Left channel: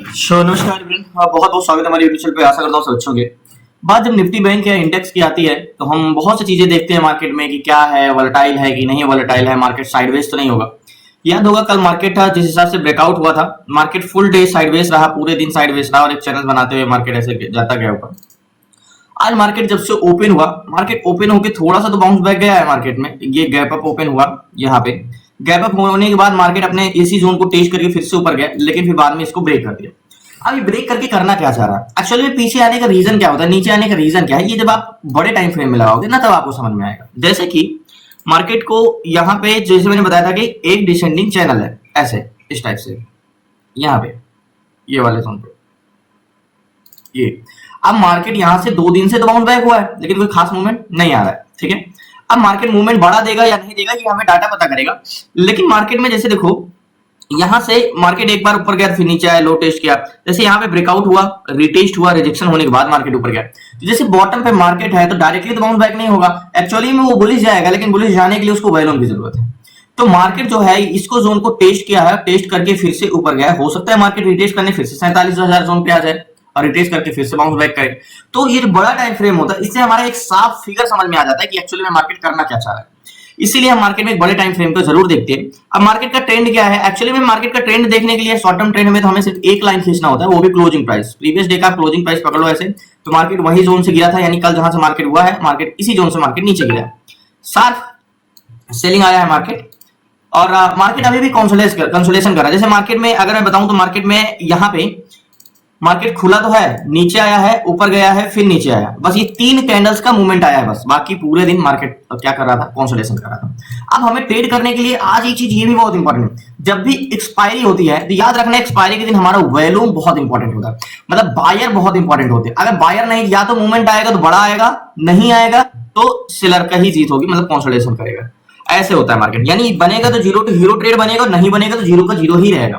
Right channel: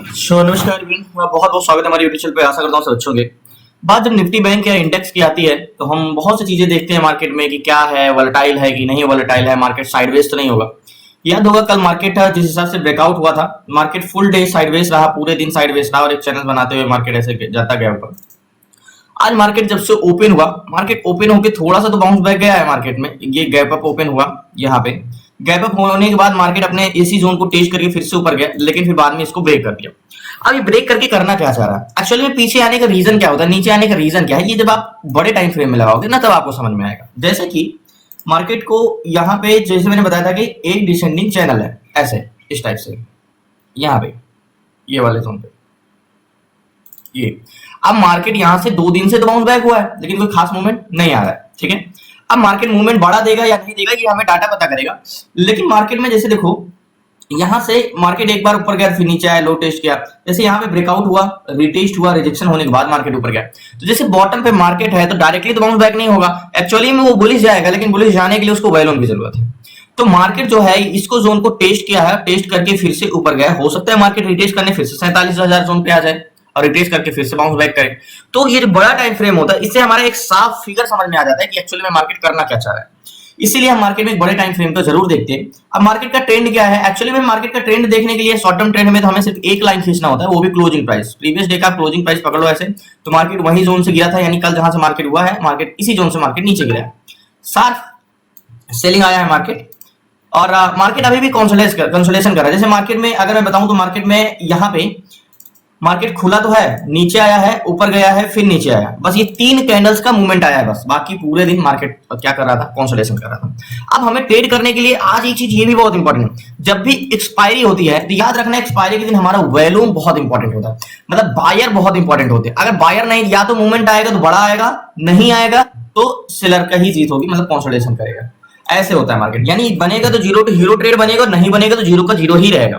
नमस्कार एवरीवन। बहुत बहुत स्वागत है हमारे यूट्यूब चैनल पे। आशा करता हूँ सब अच्छे होंगे। बात जब निफ्टी बैंक या इंडेक्स की आती है तो हम बहुत सी चीजें देखते हैं मार्केट में कि क्या है, वोलेटाइल है कि नहीं वोलेटाइल है, मार्केट साइडवेज तो नहीं होगा। याद होगा कल मार्केट था जिस हिसाब से ब्रेकआउट हुआ था, मार्केट फुल डे साइडवेज रहा, पूरे दिन साइडवेज रहा और एक चैनल बनाते हुए मार्केट ऐसे जाता गया ऊपर। आज मार्केट जब से ओपन हुआ, मार्केट ओपन होकर थोड़ा सा तो बाउंस बैक गया है मार्केट में। ये गैप अप ओपन हुआ, यहाँ पे गैप अप होने के बाद मार्केट अपने इसी जोन को टेस्ट करके फिर से ऊपर गया, लेकिन फिर बाद में इसको ब्रेक कर दिया। अब ये ब्रेक करके करना क्या चाह रहा है, एक्चुअली में पीछे आने का रीजन क्या होता है, नीचे आने का रीजन क्या है, ये जब आप बड़े टाइम फ्रेम में लगाओगे ना तब आपको समझ में आएगा। जैसे कि मार्केट को यहाँ पे जैसे मैंने बताया था कि एक डिसेंडिंग चैनल है, ऐसे इस टाइप से, यहाँ पे ये वाले जोन पे ये। अब मार्केट यहां से 2 दिन से तो बाउंस बैक हुआ है, लेकिन कोई खास मूवमेंट नहीं आ रहा है। ठीक है, अब मार्केट मूवमेंट बढ़ा देगा या नहीं देगा ये हमें डाटा पता करेगा। लेकिन मार्केट में जैसे देखो, यहां से मार्केट एक बार ऊपर गया फिर नीचे आया, लो टेस्ट किया, जैसे यहाँ पे ब्रेकआउट हुआ, रिटेस्ट हुआ, रिजेक्शन होने के बाद मार्केट ऊपर गया। तो जैसे बॉटम पे मार्केट है तो डायरेक्टली तो बाउंस बैक नहीं होगा, एक्चुअली में वो बुलिश जाएगा, लेकिन बुलिश जाने के लिए उसको वॉल्यूम की जरूरत है। तो मार्केट जो है इसको जोन को टेस्ट किया है, टेस्ट करके फिर से ऊपर गया। हो सकता है मार्केट रिटेस्ट करने फिर से 47,000 जोन पे आ जाए और रिटेस्ट करके फिर से बाउंस बैक करे। तो ये बड़ा टाइम फ्रेम होता है, इससे हमारा एक साफ फिगर समझ में आ जाता है कि एक्चुअली में मार्केट करना क्या चाह रहा है। इसीलिए हम मार्केट में एक बड़े टाइम फ्रेम को जरूर देखते हैं। अब मार्केट का ट्रेंड क्या है, एक्चुअली में मार्केट का ट्रेंड देखने के लिए शॉर्ट टर्म ट्रेंड में तो हमें सिर्फ एक लाइन खींचना होता है, वो भी क्लोजिंग प्राइस। प्रीवियस डे का क्लोजिंग प्राइस पकड़ लो ऐसे, तो मार्केट वही जोन से गिरा था, यानी कल जहां से मार्केट हुआ है, मार्केट इसी जोन से मार्केट नीचे गिरा है, शार्प सेलिंग आया है मार्केट। और मार्केट अभी भी कंसोलेशन कर रहा है। जैसे मार्केट में अगर मैं बताऊं तो मार्केट में यहाँ पे मार्केट खुला तो है, नीचे आया है, ऊपर गया है, फिर नीचे आया, बस ये 3 कैंडल्स का मूवमेंट आया है बस। बाकी पूरे दिन मार्केट क्या कर रहा था, कंसोलिडेशन कर रहा था। अब हमें ट्रेड करने के लिए आज एक चीज ये भी बहुत इंपॉर्टेंट है, जब भी एक्सपायरी होती है तो याद रखना एक्सपायरी के दिन हमारा वॉल्यूम बहुत इंपॉर्टेंट होता है, मतलब बायर बहुत इंपॉर्टेंट होते हैं। अगर बायर नहीं, या तो मूवमेंट आएगा तो बड़ा आएगा, नहीं आएगा तो सेलर का ही जीत होगी, मतलब कंसोलिडेशन करेगा। ऐसे होता है मार्केट, यानी बनेगा तो जीरो टू हीरो ट्रेड बनेगा, नहीं बनेगा तो जीरो का जीरो ही रहेगा।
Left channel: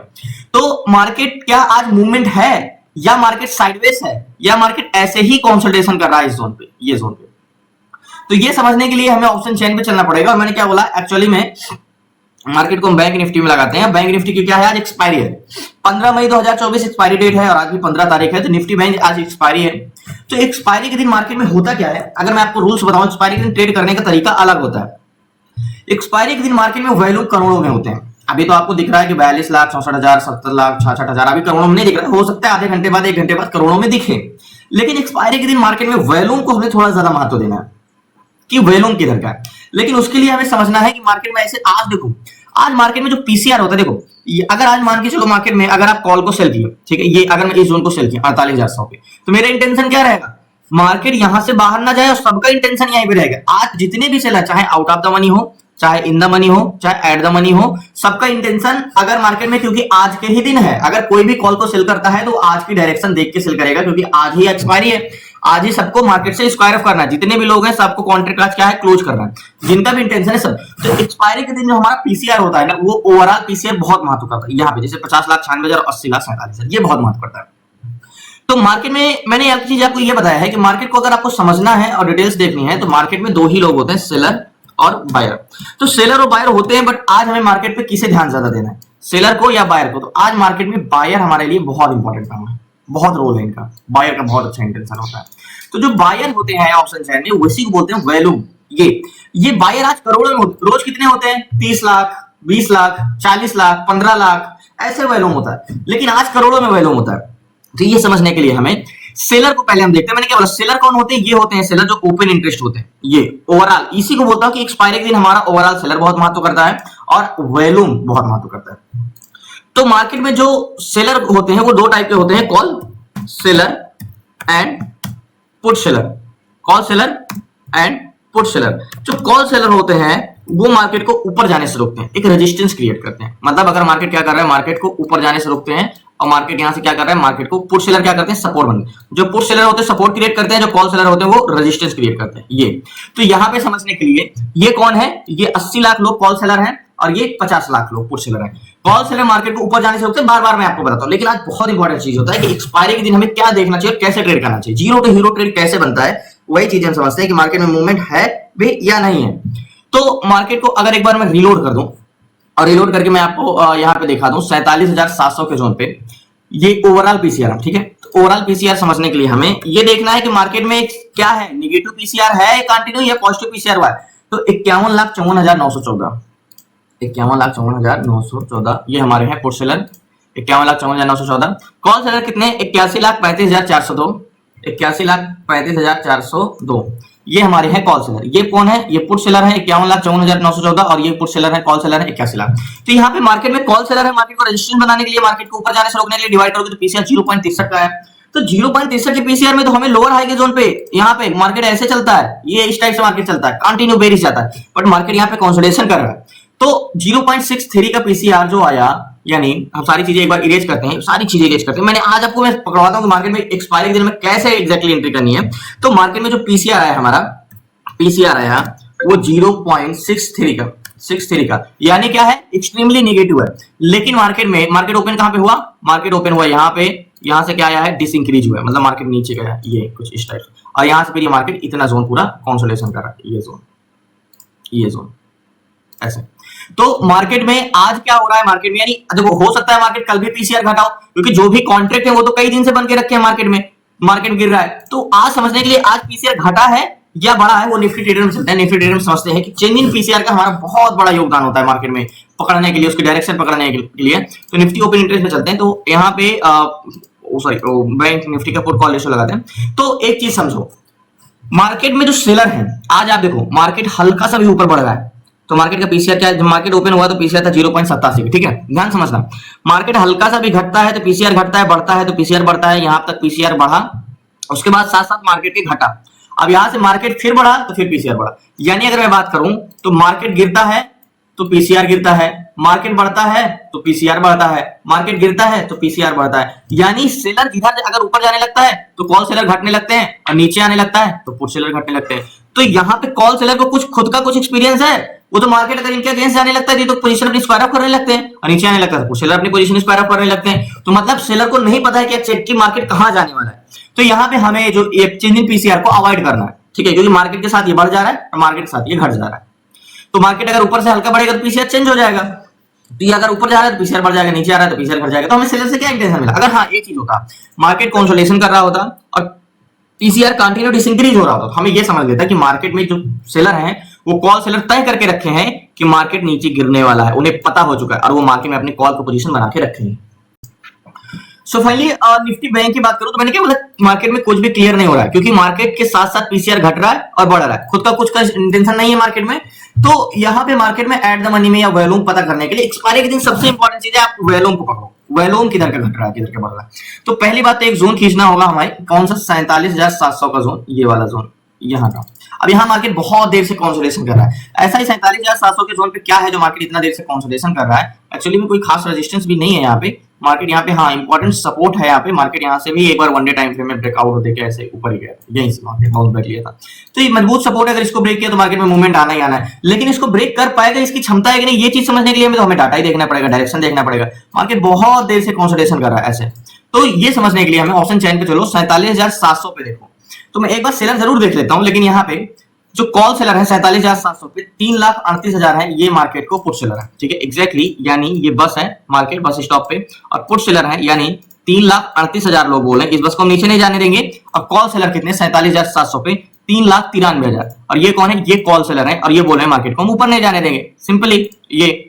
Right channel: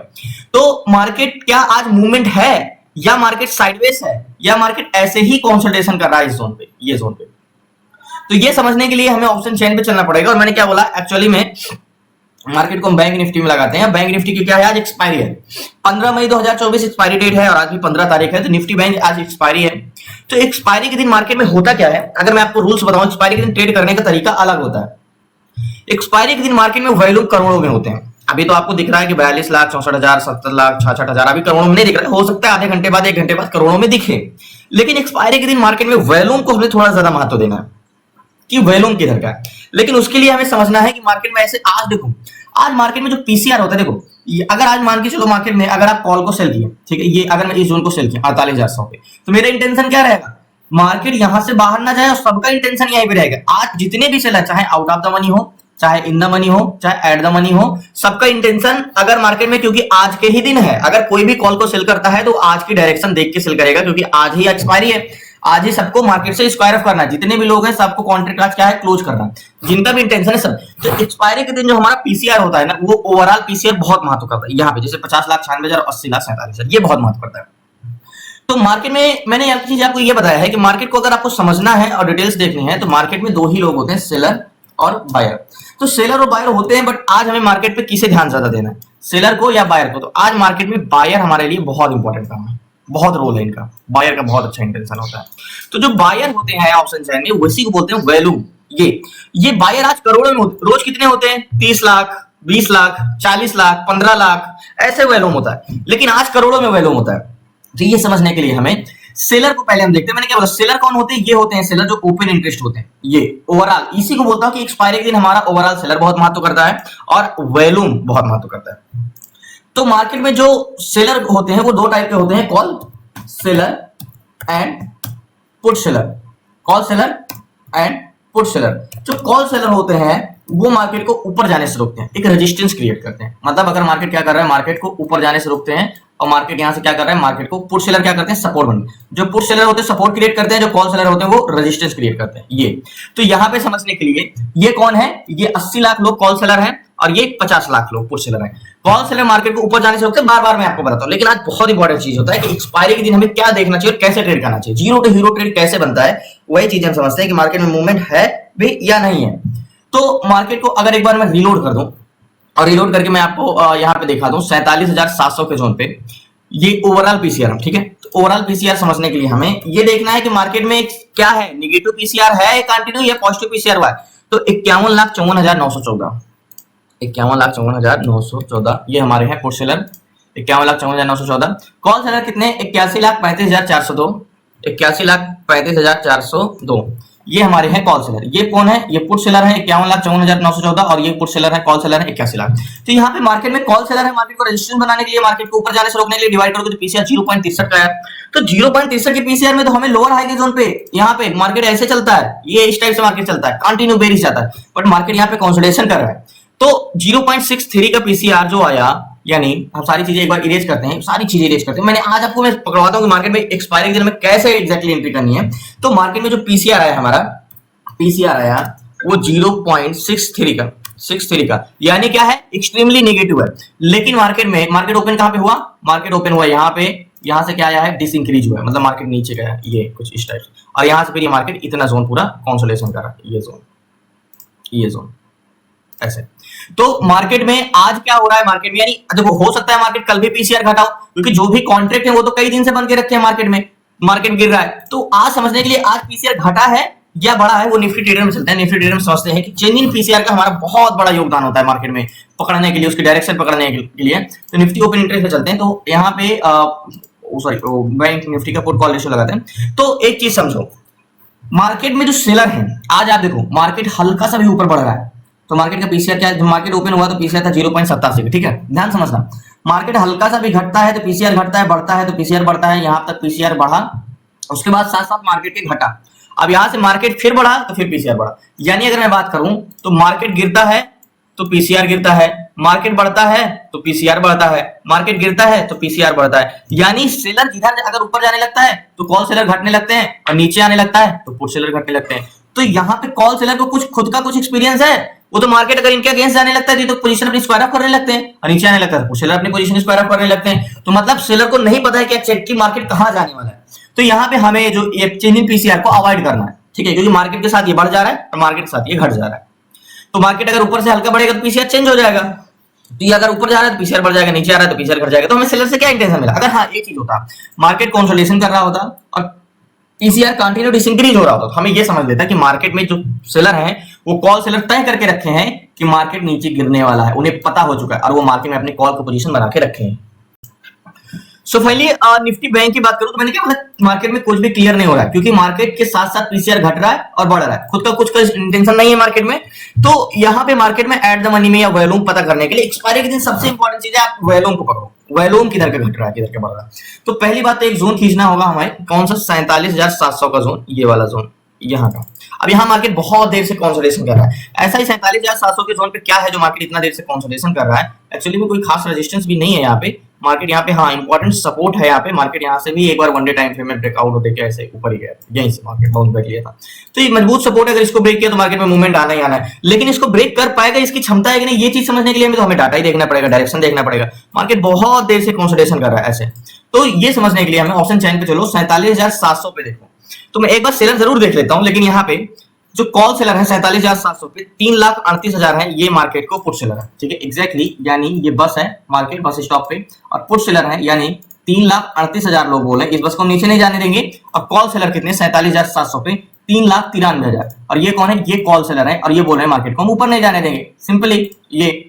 तो मार्केट क्या आज मूवमेंट है, या मार्केट साइडवेज है, या मार्केट ऐसे ही कंसोलिडेशन कर रहा है इस जोन पे, ये जोन पे। तो ये समझने के लिए हमें ऑप्शन चेन पे चलना पड़ेगा। और मैंने क्या बोला, एक्चुअली में मार्केट को हम बैंक निफ्टी में लगाते हैं। बैंक निफ्टी की क्या है, आज एक्सपायरी है, 15 मई 2024 एक्सपायरी डेट है और आज भी 15 तारीख है, तो निफ्टी बैंक आज एक्सपायरी है। तो एक्सपायरी के दिन मार्केट में होता क्या है, अगर मैं आपको रूल्स बताऊं, एक्सपायरी के दिन ट्रेड करने का तरीका अलग होता है। एक्सपायरी के दिन मार्केट में वैल्यू करोड़ों में होते हैं। अभी तो आपको दिख रहा है कि 42 लाख, 64 हजार, 70 लाख, 66 हजार, अभी करोड़ों में नहीं दिख रहा है। हो सकता है आधे घंटे बाद, 1 घंटे बाद करोड़ों में दिखे। लेकिन एक्सपायरी के दिन मार्केट में वॉल्यूम को हमें थोड़ा ज्यादा महत्व देना है कि वॉल्यूम किधर का है। लेकिन उसके लिए हमें समझना है कि मार्केट में ऐसे, आज देखो, आज मार्केट में जो पीसीआर होता है, देखो अगर आज मान के चलो मार्केट में अगर आप कॉल को सेल किए, ठीक है, ये अगर मैं इस जोन को सेल किया 48,100 पे, तो मेरा इंटेंशन क्या रहेगा, मार्केट यहां से बाहर ना जाए और सबका इंटेंशन यहीं पे रहेगा। आज जितने भी सेलर, चाहे आउट ऑफ द मनी हो, चाहे इन द मनी हो, चाहे एट द मनी हो, सबका इंटेंशन अगर मार्केट में, क्योंकि आज के ही दिन है, अगर कोई भी कॉल को सेल करता है तो आज की डायरेक्शन देख के सेल करेगा, क्योंकि आज ही एक्सपायरी है, आज ही सबको मार्केट से स्क्वायर ऑफ करना है। जितने भी लोग हैं सबको कॉन्ट्रैक्ट आज क्या है, क्लोज करना है, जिनका भी इंटेंशन है सब। तो एक्सपायरी के दिन जो हमारा पीसीआर होता है ना, वो ओवरऑल पीसीआर बहुत महत्व करता है। यहाँ पे जैसे 50 लाख 96 हजार, 80 लाख 47 हजार, ये बहुत महत्व करता है। तो मार्केट में मैंने एक चीज आपको ये बताया है कि मार्केट को अगर आपको समझना है और डिटेल्स देखनी है तो मार्केट में 2 ही लोग होते हैं, सेलर और बायर। तो सेलर और बायर होते हैं, बट आज हमें मार्केट पे किसे ध्यान ज्यादा देना है, सेलर को या बायर को। तो आज मार्केट में बायर हमारे लिए बहुत इंपॉर्टेंट काम है, बहुत रोल है इनका, बायर का बहुत अच्छा इंटेंशन होता है। तो जो बायर होते हैं ऑप्शन चेन में, उसी को बोलते हैं वैल्यूम। ये बायर आज करोड़ों में होते, रोज कितने होते हैं, 30 लाख, 20 लाख, 40 लाख, 15 लाख, ऐसे वैल्यूम होता है, लेकिन आज करोड़ों में वैल्यूम होता है। तो ये समझने के लिए हमें सेलर को पहले हम देखते हैं। मैंने क्या बोला, सेलर कौन होते हैं, ये होते हैं सेलर जो ओपन इंटरेस्ट होते हैं, ये ओवरऑल। इसी को बोलता हूं कि एक्सपायरी के दिन हमारा ओवरऑल सेलर बहुत महत्व करता है और वॉल्यूम बहुत महत्व करता है। तो मार्केट में जो सेलर होते हैं वो 2 टाइप के होते हैं, call seller and put seller. Call seller and put seller. जो कॉल सेलर होते हैं वो मार्केट को ऊपर जाने से रोकते हैं, एक रेजिस्टेंस क्रिएट करते हैं। मतलब अगर मार्केट क्या कर रहा है, मार्केट को ऊपर जाने से रोकते हैं, और मार्केट यहां से क्या कर रहा है, मार्केट को पुट सेलर क्या करते हैं, सपोर्ट बनते हैं। जो पुट सेलर होते हैं सपोर्ट क्रिएट करते हैं, जो कॉल सेलर होते हैं वो रेजिस्टेंस क्रिएट करते हैं। ये तो यहां पे समझने के लिए, ये कौन है, ये 80 लाख लोग कॉल सेलर हैं और ये 50 लाख लोग पुट सेलर हैं। कॉल सेलर मार्केट को ऊपर जाने से रोकते हैं, बार बार मैं आपको बताता हूं। लेकिन आज बहुत इंपॉर्टेंट चीज होता है कि एक्सपायरी के दिन हमें क्या देखना चाहिए और कैसे ट्रेड करना चाहिए, जीरो टू हीरो ट्रेड कैसे बनता है, वही चीज हम समझते हैं कि मार्केट में मूवमेंट है भी या नहीं है। तो मार्केट को अगर एक बार मैं रीलोड कर दूं, और रीलोड करके मैं आपको यहाँ पे दिखा दूं 47,700 के जोन पे, ये ओवरऑल पीसीआर, ठीक है। तो ओवरऑल पीसीआर समझने के लिए हमें ये देखना है कि मार्केट में क्या है, निगेटिव पीसीआर है कंटिन्यू या पॉजिटिव पीसीआर हुआ है। तो 51,54,914, 51,54,914 ये हमारे हैं पुट सेलर, 51,54,914। कॉल सेलर कितने, 81,35,402, 81,35,402 ये हमारे हैं कॉल सेलर। ये कौन है, ये पुट सेलर है 51,54,914 और ये पुट सेलर है, कॉल सेलर है 81 लाख। तो यहाँ पे मार्केट में कॉल सेलर है, मार्केट को रेजिस्टेंस बनाने के लिए, मार्केट को ऊपर जाने से रोकने के लिए डिवाइड करोगे तो पीसीआर 0.63 का है। तो 0.63 के पीसीआर में तो हमें लोअर हाई के जोन पे यहाँ पे मार्केट ऐसे चलता है, ये इस टाइप से मार्केट चलता है, कंटिन्यू बेरिश जाता है, बट मार्केट यहाँ पे कंसोलिडेशन कर रहा है। तो 0.63 का पीसीआर जो आया, यानी हम सारी चीजें एक बार इरेज करते हैं, सारी चीजें इरेज करते हैं। मैंने आज आपको मैं पकड़वाता हूँ कि मार्केट में एक्सपायरी के दिन में कैसे एग्जैक्टली एंट्री करनी है। तो मार्केट में जो पीसीआर आया हमारा, पीसीआर आया वो 0.63 का, 63 का, यानी क्या है, एक्सट्रीमली नेगेटिव है। लेकिन मार्केट में, मार्केट ओपन कहां पे हुआ, मार्केट ओपन हुआ यहाँ पे, यहाँ से क्या आया है, डिसइंक्रीज हुआ है, मतलब मार्केट नीचे गया है, ये कुछ इस टाइप से, और यहाँ से फिर ये मार्केट इतना जोन पूरा कंसोलिडेशन कर रहा है, ये जोन ऐसे। तो मार्केट में आज क्या हो रहा है, मार्केट में यानी देखो हो सकता है मार्केट कल भी पीसीआर घटाओ, क्योंकि जो भी कॉन्ट्रैक्ट है वो तो कई दिन से बन के रखे हैं मार्केट में, मार्केट गिर रहा है। तो आज समझने के लिए आज पीसीआर घटा है या बढ़ा है, वो निफ्टी ट्रेडर में चलते हैं। निफ्टी ट्रेडर में समझते हैं कि चेंज इन पीसीआर का हमारा बहुत बड़ा योगदान होता है मार्केट में पकड़ने के लिए, उसकी डायरेक्शन पकड़ने के लिए। तो निफ्टी ओपन इंटरेस्ट में चलते हैं, तो यहाँ पे सॉरी बैंक निफ्टी का पुट कॉल रेशियो लगाते हैं। तो एक चीज समझो, मार्केट में जो सेलर है, आज आप देखो मार्केट हल्का सा भी ऊपर बढ़ रहा है, तो मार्केट का पीसीआर क्या है, जब मार्केट ओपन हुआ तो पीसीआर था 0.87, ठीक है, ध्यान समझना। मार्केट हल्का सा भी घटता है तो पीसीआर घटता है, बढ़ता है तो पीसीआर बढ़ता है, यहां तक पीसीआर बढ़ा, उसके बाद साथ साथ मार्केट के घटा, अब यहां से मार्केट फिर बढ़ा तो फिर पीसीआर बढ़ा। यानी अगर मैं बात करूं तो मार्केट गिरता है तो पीसीआर गिरता है, मार्केट बढ़ता है तो पीसीआर बढ़ता है, मार्केट गिरता है तो पीसीआर बढ़ता है। यानी सेलर जिधर अगर ऊपर जाने लगता है तो कॉल सेलर घटने लगते हैं, और नीचे आने लगता है तो पुट सेलर घटने लगते हैं। तो यहाँ पे कॉल सेलर को कुछ खुद का कुछ एक्सपीरियंस है, वो तो मार्केट अगर इनके अगेंस्ट जाने लगता है तो पोजीशन अपनी स्क्वायर ऑफ करने लगते हैं, और नीचे आने लगता है तो सेलर अपनी पोजीशन स्क्वायर ऑफ करने लगते हैं। तो मतलब सेलर को नहीं पता है कि एक्चुअली मार्केट कहां जाने वाला है। तो यहाँ पे हमें जो चेंज इन पीसीआर को अवॉइड करना है, ठीक है, क्योंकि मार्केट के साथ ये बढ़ जा रहा है और मार्केट के साथ ये घट जा रहा है। तो मार्केट अगर ऊपर से हल्का बढ़ेगा तो पीसीआर चेंज हो जाएगा, तो ये अगर ऊपर जा रहा है तो पीसीआर बढ़ जाएगा, नीचे आ रहा है तो पीसीआर घट जाएगा। तो हमें सेलर से क्या इंटेंशन मिला, अगर हाँ एक चीज होता, मार्केट कंसोलिडेशन कर रहा होता और पीसीआर कंटिन्यू डिसइंक्रीज हो रहा होता, तो हमें ये समझ लेता कि मार्केट में जो सेलर हैं वो कॉल सेलर तय करके रखे हैं कि मार्केट नीचे गिरने वाला है, उन्हें पता हो चुका है, और वो मार्केट में अपनी कॉल की पोजीशन बना के रखे हैं। सो फाइनली निफ्टी बैंक की बात करूं तो मैंने क्या बोला, मार्केट में कुछ भी क्लियर नहीं हो रहा है, क्योंकि मार्केट के साथ साथ पीसीआर घट रहा है और बढ़ रहा है, खुद का कुछ का इंटेंशन नहीं है मार्केट में। तो यहाँ पे मार्केट में एट द मनी में या वॉल्यूम पता करने के लिए एक्सपायरी के दिन सबसे इंपॉर्टेंट चीज है, आप वॉल्यूम को पकड़ो, वॉल्यूम किधर का घट रहा है, किधर का बढ़ रहा है। तो पहली बात तो एक जोन खींचना होगा हमारे, कौन सा, 47,700 का जोन, ये वाला जोन यहाँ का। अब यहाँ मार्केट बहुत देर से कंसोलिडेशन कर रहा है, ऐसा ही 47,700 के जोन पे क्या है जो मार्केट इतना देर से कंसोलिडेशन कर रहा है, एक्चुअली में कोई खास रेजिस्टेंस भी नहीं है यहाँ पे मार्केट, यहाँ पे हाँ इंपॉर्टेंट सपोर्ट है यहाँ पे। मार्केट यहाँ से भी एक बार वन डे टाइम फ्रेम में ब्रेकआउट होते के ऐसे ऊपर ही गया था, यहीं से मार्केट बाउंस बैक लिया था। तो ये मजबूत सपोर्ट है, अगर इसको ब्रेक किया तो मार्केट में मूवमेंट आना ही आना है। लेकिन इसको ब्रेक कर पाएगा, इसकी क्षमता है कि नहीं, ये चीज समझने के लिए हमें तो हमें डाटा ही देखना पड़ेगा, डायरेक्शन देखना पड़ेगा। मार्केट बहुत देर से कंसोलिडेशन कर रहा है ऐसे, तो ये समझने के लिए हमें ऑप्शन चैन पे चलो 47,700 पे देखो। तो मैं एक बार सेलर जरूर देख लेता हूँ, लेकिन यहाँ पे जो कॉल सेलर है 47,700 पे 3,38,000 है, ये मार्केट को पुट सेलर है, ठीक है, एग्जैक्टली यानी ये बस है मार्केट बस स्टॉप पे, और पुट सेलर है यानी 3,38,000 लोग बोले इस बस को हम नीचे नहीं जाने देंगे। और कॉल सेलर कितने, 47,700 पे 3,93,000, और ये कौन है, ये कॉल सेलर है, और ये बोल रहे हैं मार्केट को हम ऊपर नहीं जाने देंगे, सिंपली ये।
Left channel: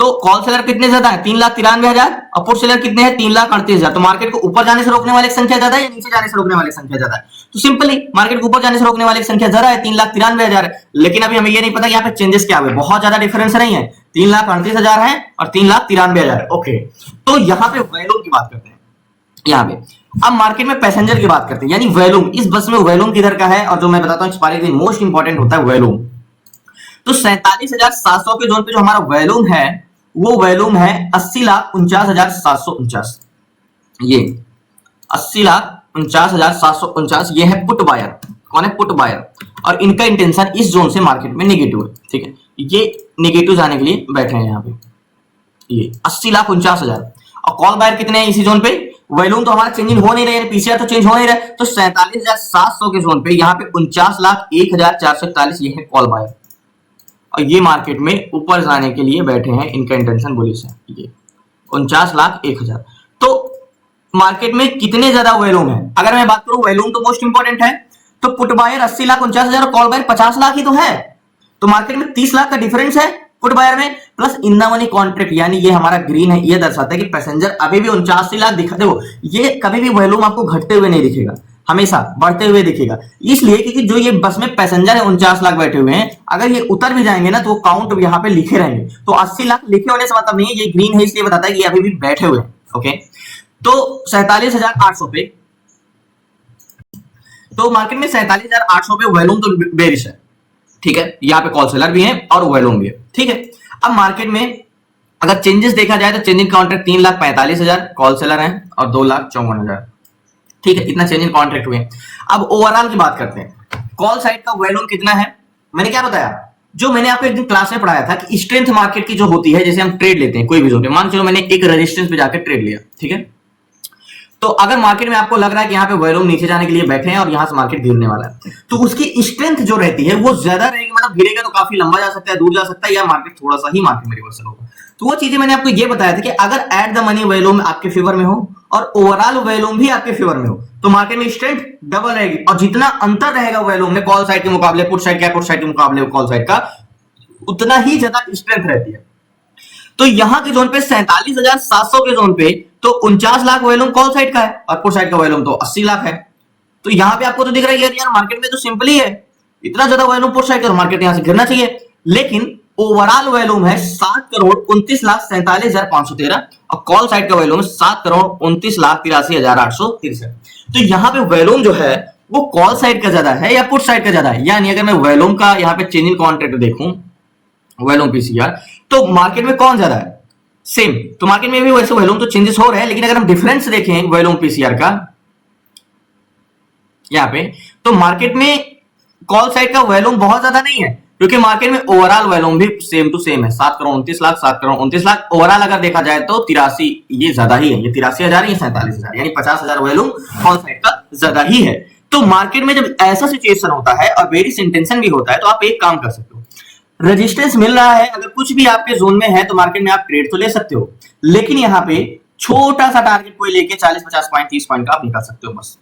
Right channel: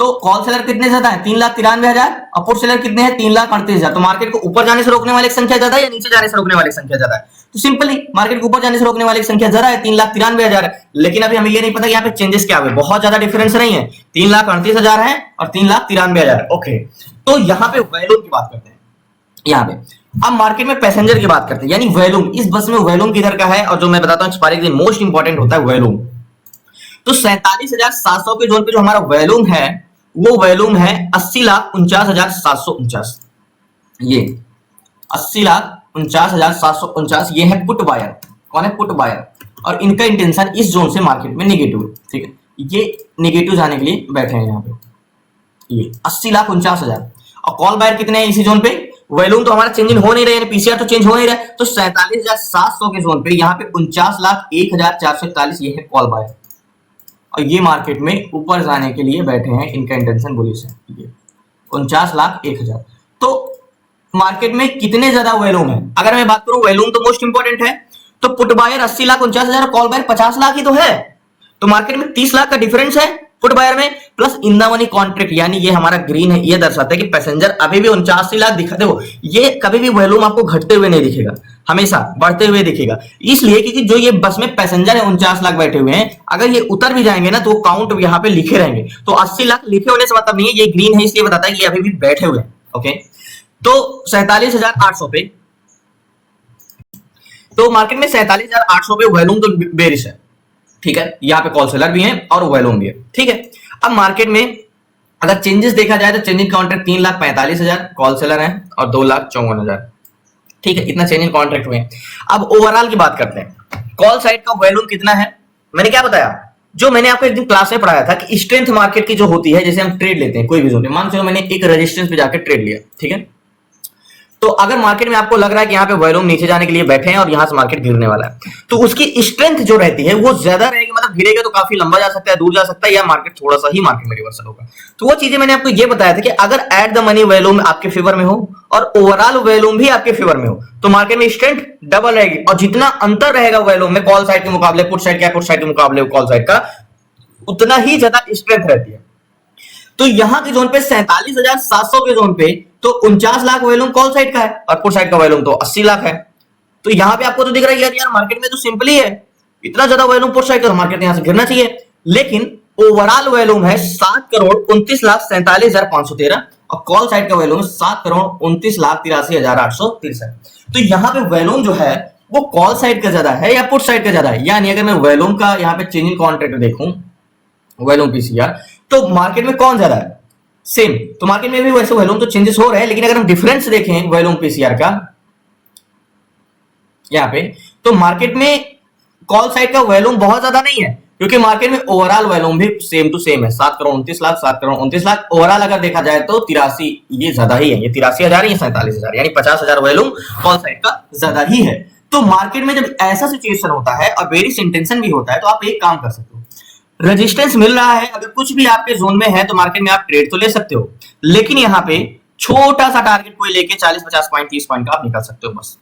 तो कॉल सेलर कितने ज्यादा है, 3,93,000, और पुट सेलर कितने हैं, 3,38,000। तो मार्केट को ऊपर जाने से रोकने वाली संख्या ज्यादा है या नीचे जाने से रोकने वाली संख्या ज्यादा है, तो सिंपली मार्केट को ऊपर जाने से रोकने वाली संख्या ज्यादा है, 3,93,000 है। लेकिन अभी हमें ये नहीं पता यहाँ पे चेंजेस क्या हुए, बहुत ज्यादा डिफरेंस नहीं है, 3,38,000 है और 3,93,000 है, ओके। तो यहाँ पे वॉल्यूम की बात करते हैं यहाँ पे। अब मार्केट में पैसेंजर की बात करते हैं, यानी वॉल्यूम, इस बस में वॉल्यूम किधर का है, और जो मैं बताता हूँ एक्सपायरी के दिन मोस्ट इंपॉर्टेंट होता है वॉल्यूम। तो 47,700 के जोन पे जो हमारा वॉल्यूम है वो वॉल्यूम है 80,49,749, ये 80,49,749, ये है पुट बायर, कौन है, पुट बायर, और इनका इंटेंशन इस जोन से मार्केट में नेगेटिव है, ठीक है, ये नेगेटिव जाने के लिए बैठे हैं यहाँ पे, ये 80,49,000। और कॉल बायर कितने हैं इसी जोन पे, वॉल्यूम तो हमारा चेंजिंग हो नहीं रहा है, पीसीआर तो चेंज हो नहीं रहा है, तो 47,700 के जोन पे यहाँ पे 49,01,441 ये है कॉल बायर, और ये मार्केट में ऊपर जाने के लिए बैठे हैं, इनका इंटेंशन बुलिश है, ये 49,01,000। तो मार्केट में कितने ज्यादा वॉल्यूम है। अगर मैं बात करूं वॉल्यूम तो मोस्ट इंपॉर्टेंट है, तो पुट बायर 80 लाख 49,000 और कॉल बायर 50 लाख ही तो है। तो मार्केट में 30 लाख का डिफरेंस है पुट बायर में, plus in the money contract, यानी ये हमारा ग्रीन है, ये दर्शाता है कि पैसेंजर अभी भी 79 लाख दिखा। देखो ये कभी भी वॉल्यूम आपको घटते हुए नहीं दिखेगा, हमेशा बढ़ते हुए दिखेगा, इसलिए क्योंकि जो ये बस में पैसेंजर है 49 लाख बैठे हुए हैं, अगर ये उतर भी जाएंगे ना तो वो काउंट यहाँ पे लिखे रहेंगे। तो 80 लाख लिखे होने से मतलब नहीं है, ये ग्रीन है इसलिए बताता है कि ये अभी भी बैठे हुए हैं। ओके, तो 47,800 पे, तो मार्केट में 47,800 पे वॉल्यूम तो बेरिश है, ठीक है। यहाँ पे कॉल सेलर भी है और वॉल्यूम भी है, ठीक है। अब मार्केट में अगर चेंजेस देखा जाए तो change in contract 3,45,000 call seller है और 2,54,000, ठीक है, इतना चेंज इन कॉन्ट्रैक्ट हुए। अब ओवरऑल की बात करते हैं, कॉल साइड का वॉल्यूम कितना है। मैंने क्या बताया, जो मैंने आपको एक दिन क्लास में पढ़ाया था कि स्ट्रेंथ मार्केट की जो होती है, जैसे हम ट्रेड लेते हैं कोई भी जोन पे, मान चलो मैंने एक रेजिस्टेंस पे जाकर ट्रेड लिया, ठीक है, तो अगर मार्केट में आपको लग रहा है कि यहाँ पे वॉल्यूम नीचे जाने के लिए बैठे हैं और यहां से मार्केट गिरने वाला है, तो उसकी स्ट्रेंथ जो रहती है वो ज्यादा रहेगी, मतलब गिरेगा तो काफी लंबा जा सकता है, दूर जा सकता है, या मार्केट थोड़ा सा ही मार्केट में रिवर्सल होगा। तो वो चीजें मैंने आपको ये बताया था कि अगर एट द मनी वॉल्यूम आपके फेवर में हो और ओवरऑल वॉल्यूम भी आपके फेवर में हो तो मार्केट में स्ट्रेंथ डबल रहेगी, और जितना अंतर रहेगा वॉल्यूम में कॉल साइड के मुकाबले पुट साइड का, पुट साइड के मुकाबले कॉल साइड का, उतना ही ज्यादा स्ट्रेंथ रहती है। तो यहां के जोन पे 47,700 के जोन पे तो 49 लाख वॉल्यूम कॉल साइड का है और पुट साइड का वॉल्यूम तो 80 लाख है। तो यहां पे आपको तो दिख रहा है यार मार्केट में तो सिंपली है, इतना ज्यादा वॉल्यूम पुट साइड का, मार्केट यहां से गिरना चाहिए, लेकिन ओवरऑल वॉल्यूम है 7,29,47,513 और कॉल साइड का वॉल्यूम 7,29,83,863। तो यहां पे वॉल्यूम जो है वो कॉल साइड का ज्यादा है या पुट साइड का ज्यादा है। यानी अगर मैं वॉल्यूम का यहाँ पे चेंज इन कॉन्ट्रैक्ट देखूं, वॉल्यूम पीसीआर, तो मार्केट में कौन ज्यादा है, सेम। तो मार्केट में भी वैसे वॉल्यूम तो चेंजेस हो रहे हैं, लेकिन अगर हम डिफरेंस देखें वॉल्यूम पीसीआर का यहां पे, तो मार्केट में कॉल साइड का वॉल्यूम बहुत ज्यादा नहीं है, क्योंकि मार्केट में ओवरऑल वॉल्यूम भी सेम टू सेम है, 7,29,00,000 7,29,00,000। ओवरऑल अगर देखा जाए तो 83, ये ज्यादा ही है, ये 83,000 ये 47,000, यानी 50,000 वॉल्यूम कॉल साइड का ज्यादा ही है। तो मार्केट में जब ऐसा सिचुएशन होता है और बेरिश इंटेंशन भी होता है, तो आप एक काम कर सकते हो, रेजिस्टेंस मिल रहा है, अगर कुछ भी आपके जोन में है तो मार्केट में आप ट्रेड तो ले सकते हो, लेकिन यहाँ पे छोटा सा टारगेट कोई लेके 40-50 पॉइंट 30 पॉइंट का आप निकल सकते हो बस।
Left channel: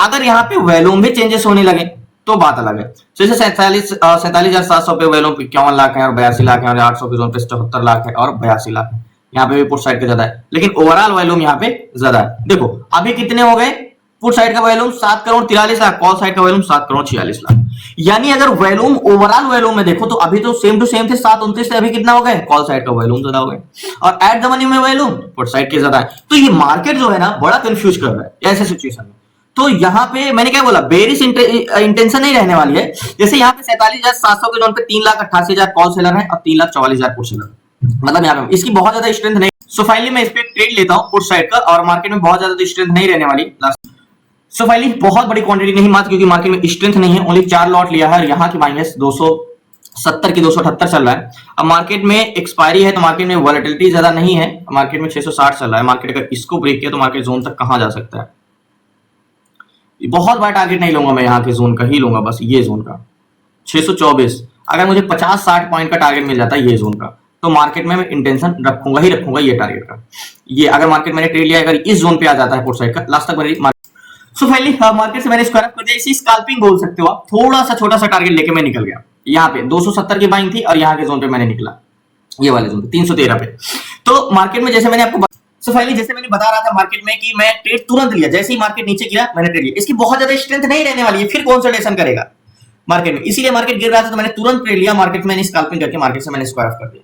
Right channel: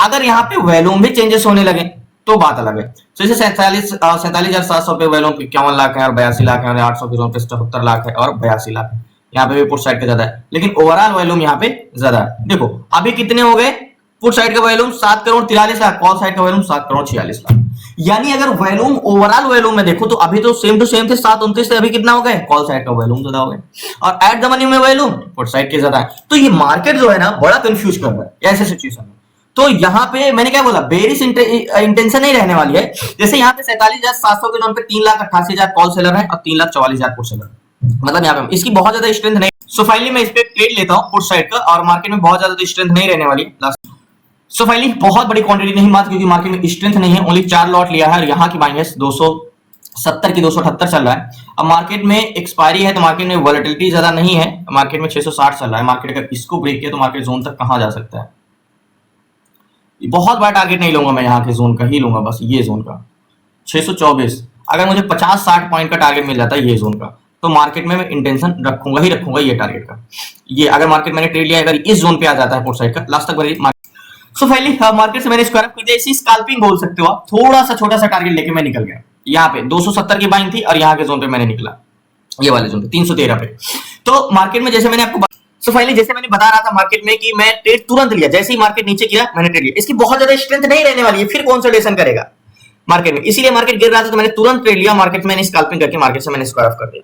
अगर यहाँ पे वॉल्यूम में चेंजेस होने लगे तो बात अलग है। तो जैसे 47,700 पे वॉल्यूम 51 लाख है और 82 लाख है, और 800 के जोन पे 74 लाख है और 82 लाख है, यहाँ पे भी पुट साइड का ज्यादा है, लेकिन ओवरऑल वॉल्यूम यहाँ पे ज्यादा है। देखो अभी कितने हो गए, पुट साइड का वॉल्यूम 7,43,00,000, कॉल साइड का वॉल्यूम 7,46,00,000। यानी अगर वॉल्यूम ओवरऑल वॉल्यूम में देखो तो अभी तो सेम टू सेम थे, 7,29 थे, अभी कितना हो गए, कॉल साइड का वॉल्यूम ज्यादा हो गए, और एट द मनी में वॉल्यूम पुट साइड के ज्यादा है। तो ये मार्केट जो है ना बड़ा कंफ्यूज कर रहा है ऐसे सिचुएशन में। तो यहाँ पे मैंने क्या बोला, बेरिश इंटेंशन नहीं रहने वाली है। जैसे यहाँ पे 47,700 के जोन पे 3,88,000 कॉल सेलर है और 3,44,000 पुट सेलर, मतलब यहाँ पे इसकी बहुत ज्यादा स्ट्रेंथ नहीं। सो फाइनली मैं इस पे ट्रेड लेता हूँ पुट साइड का, और मार्केट में बहुत ज्यादा स्ट्रेंथ नहीं रहने वाली। सो फाइनली बहुत बड़ी क्वांटिटी नहीं मात्र, क्योंकि मार्केट में स्ट्रेंथ नहीं है, ओनली 4 लॉट लिया है, और यहाँ की बाइंग है 270 की 278 चल रहा है। अब मार्केट में एक्सपायरी है तो मार्केट में वॉलेटिलिटी ज्यादा नहीं है, मार्केट में 660 चल रहा है। मार्केट अगर इसको ब्रेक किया तो मार्केट जोन तक कहां जा सकता है, बहुत बड़ा टारगेट नहीं लूंगा मैं, यहाँ के जोन का ही लूंगा बस, ये जोन का 624। अगर मुझे 50-60 पॉइंट का टारगेट मिल जाता है ये जोन का, तो मार्केट में मैं इंटेंशन रखूंगा ही रखूंगा ये टारगेट का। ये अगर मार्केट मैंने ट्रेड लिया, अगर इस जोन पे आ जाता है पुट साइड का, लास्ट तक मेरी सो फाइनली मार्केट से मैंने स्क्वायर अप कर दिया, इसी स्कैल्पिंग बोल सकते हो आप। थोड़ा सा छोटा सा टारगेट लेके मैं निकल गया, यहाँ पे 270 की बाइंग थी और यहाँ के जोन पे मैंने निकला, ये वाले जोन पे 313 पे। तो मार्केट में जैसे मैंने आपको सो फाइनली जैसे मैंने बता रहा था मार्केट में कि मैं ट्रेड तुरंत लिया, जैसे ही मार्केट नीचे गिरा मैंने ट्रेड लिया। इसकी बहुत ज्यादा स्ट्रेंथ नहीं रहने वाली है, फिर कंसोलिडेशन करेगा मार्केट में, इसीलिए मार्केट गिर रहा था तो मैंने तुरंत ट्रेड लिया। मार्केट में मैंने स्कैल्पिंग करके मार्केट से मैंने स्क्वायर ऑफ कर दिया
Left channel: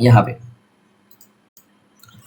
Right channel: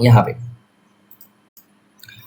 यहाँ पे।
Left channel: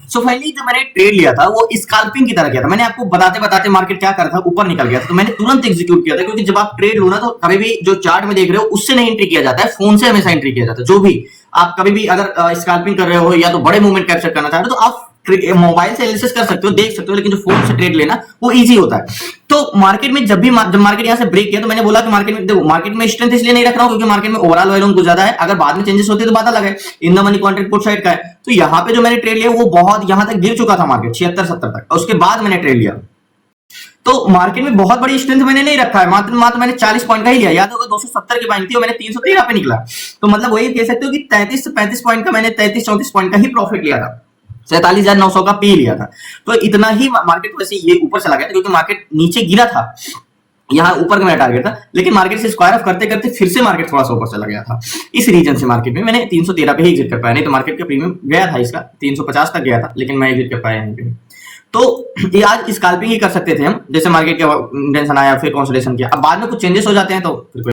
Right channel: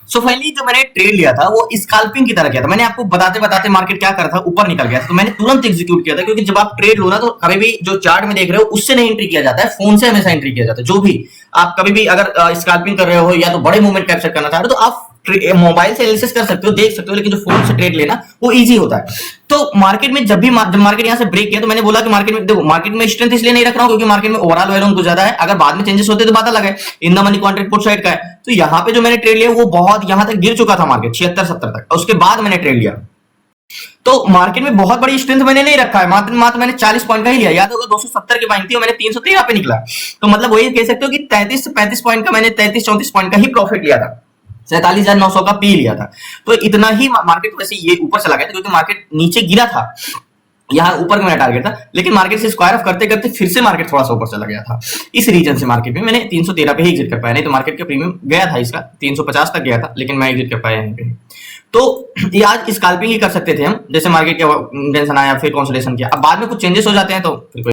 सो फाइनली जो मैंने ट्रेड लिया था वो स्कैल्पिंग की तरह किया था। मैंने आपको बताते बताते मार्केट क्या कर रहा था, ऊपर निकल गया था, तो मैंने तुरंत एग्जीक्यूट किया था, क्योंकि जब आप ट्रेड लो ना तो कभी भी जो चार्ट में देख रहे हो उससे नहीं एंट्री किया जाता है, फोन से हमेशा एंट्री किया जाता है। जो भी आप कभी भी अगर स्कैल्पिंग कर रहे हो या तो बड़े मूवमेंट कैप्चर करना चाह रहे हो तो आप मोबाइल से एनालिसिस कर सकते हो, देख सकते हो, लेकिन जो फोन से ट्रेड लेना वो इजी होता है। तो मार्केट में जब मार्केट यहाँ से ब्रेक किया तो मैंने बोला कि मार्केट में देखो, मार्केट में स्ट्रेंथ इसलिए नहीं रख रहा हूँ क्योंकि मार्केट में ओवरऑल वॉल्यूम कुछ ज्यादा है, अगर बाद में चेंजेस होते तो बात अलग है, in the money contract put side का है। तो यहाँ पे जो मैंने ट्रेड लिया वो बहुत यहाँ तक गिर चुका था मार्केट 76-70 तक, और उसके बाद मैंने ट्रेड लिया। तो मार्केट में बहुत बड़ी स्ट्रेंथ मैंने नहीं रखा है, मात्र मैंने 40 पॉइंट का ही लिया। याद होगा 270 की बाइंग थी और मैंने 313 पे निकला, तो मतलब वही कह सकते हो कि 33 से 35 पॉइंट का मैंने 33-34 पॉइंट का ही प्रॉफिट लिया था। 47,900 का पी लिया था। तो इतना ही मार्केट वैसे ये ऊपर चला गया था क्योंकि मार्केट नीचे गिरा था, यहाँ ऊपर का मेरा टारगेट था, लेकिन मार्केट से स्क्वायर ऑफ करते करते फिर से मार्केट थोड़ा सा ऊपर चला गया था। इस रीजन से मार्केट में मैंने 313 पे ही एग्जिट कर पाया, नहीं तो मार्केट का प्रीमियम गया था इसका 350 तक गया था, लेकिन मैं एग्जिट कर पाया यहीं पे। तो ये आज स्कैल्पिंग ही कर सकते थे हम, जैसे मार्केट का टेंशन आया फिर कंसोलिडेशन किया, अब बाद में कुछ चेंजेस हो जाते हैं तो फिर